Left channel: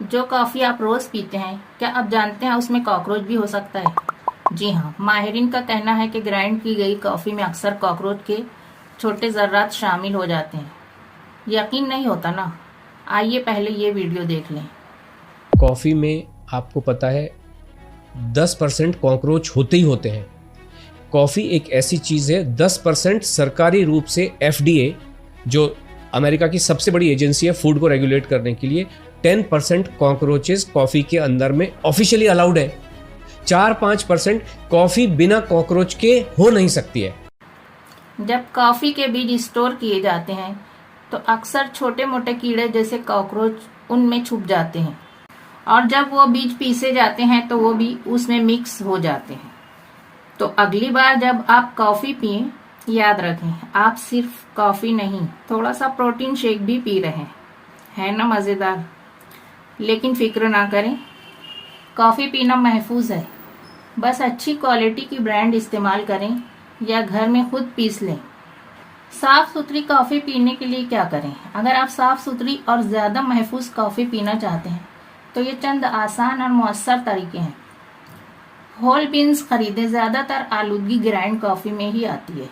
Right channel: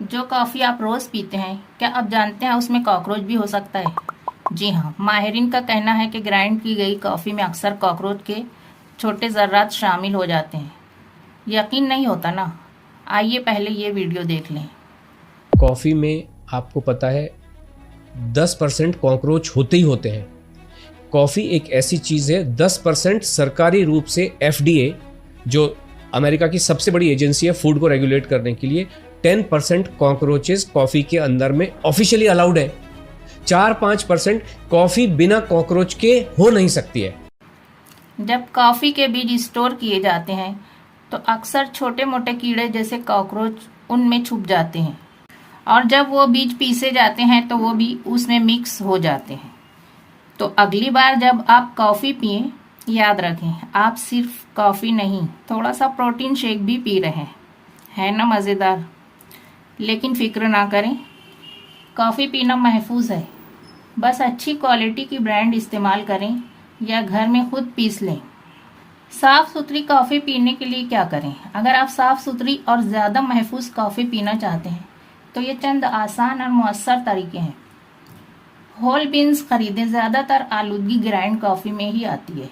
जो कॉफ़ी आप रोज़ पीते हैं, क्या आप जानते हैं उसमें कॉकरोच भी हो सकता है? जी हाँ, माहिरीन का कहना है कि ग्राइंड की गई कॉफ़ी में अक्सर कॉकरोच के छोटे ज़र्रात शामिल हो जाते हैं। यकीन नहीं होता ना? आइए पहले ये वीडियो देख लें। कॉफ़ी में आपको पता है 10% कॉकरोच होते ही होते हैं। कॉफ़ी एक ऐसी चीज़ है, 10% सरकारी रूप से FDA, जो अमेरिका की सबसे बड़ी एजेंसी है फूड को रेगुलेट करने के लिए, 10% कॉकरोचेस कॉफ़ी के अंदर में ऑफिशियली अलाउड है। 4-5% कॉफ़ी बिना कॉकरोच के हो नहीं सकती है। जब कॉफ़ी के बीज स्टोर किए जाते हैं तो अक्सर छोटे मोटे कीड़े जैसे कॉकरोच उनमें छुप जाते हैं, और जब वो बीज पीसे जाते हैं तो वो भी उसमें मिक्स हो जाते हैं। तो अगली बार जब आप कॉफ़ी पिएं, याद रखें आप सिर्फ कॉफ़ी नहीं, थोड़ा सा प्रोटीन शेक भी पी रहे हैं। है ना मज़ेदार? लेकिन फिक्र ना करें, कॉफ़ी पीना महफूज है। बस अच्छी क्वालिटी की ब्रांड इस्तेमाल करें या घर में खुद पीस लें। साफ सुथरी कॉफ़ी पीने के लिए क्या करें? अगर आप साफ सुथरी और ज़्यादा महफूज कॉफ़ी पीना चाहते हैं तो ये चंद आसान और मुअस्सर तरीके हैं। होल बीन्स खरीदें। ज़्यादातर आलूदगी ग्राइंड कॉफ़ी में ही आती है।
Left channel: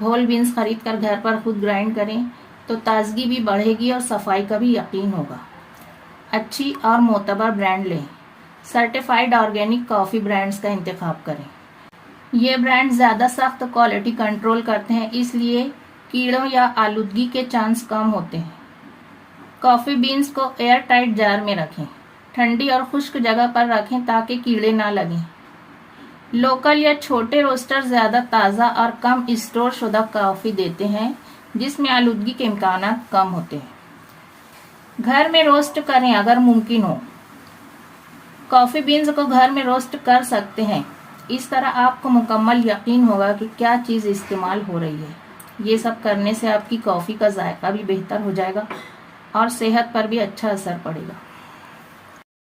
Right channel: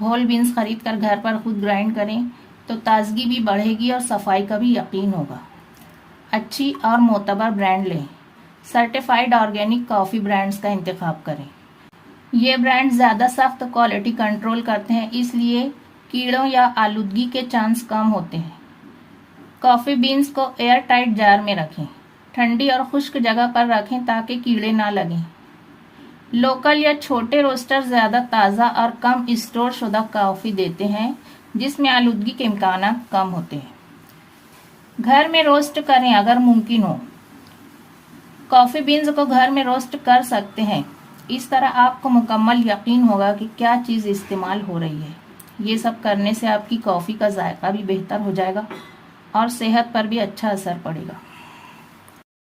होल बीन्स खरीद कर घर पर खुद ग्राइंड करें तो ताजगी भी बढ़ेगी और सफाई का भी यकीन होगा। अच्छी और मोतबर ब्रांड लें। सर्टिफाइड ऑर्गेनिक कॉफ़ी ब्रांड्स का इंतखाब करें। ये ब्रांड ज़्यादा सख्त क्वालिटी कंट्रोल करते हैं, इसलिए कीड़ों या आलूदगी के चांस कम होते हैं। कॉफ़ी बीन्स को एयर टाइट जार में रखें। ठंडी और खुश्क जगह पर रखें ताकि कीड़े ना लगें। लोकल या छोटे रोस्टर ज़्यादा ताज़ा और कम स्टोर शुदा कॉफ़ी देते हैं, जिसमें आलूदगी के इम्कान कम होते हैं। घर में रोस्ट करें अगर मुमकिन हो। कॉफ़ी बीन्स को घर में रोस्ट कर सकते हैं। इस तरह आपको मुकम्मल यकीन होगा कि क्या चीज़ इस्तेमाल हो रही है। ये सब करने से आपकी कॉफ़ी का जायका भी बेहतर हो जाएगा और सेहत पर भी अच्छा असर पड़ेगा।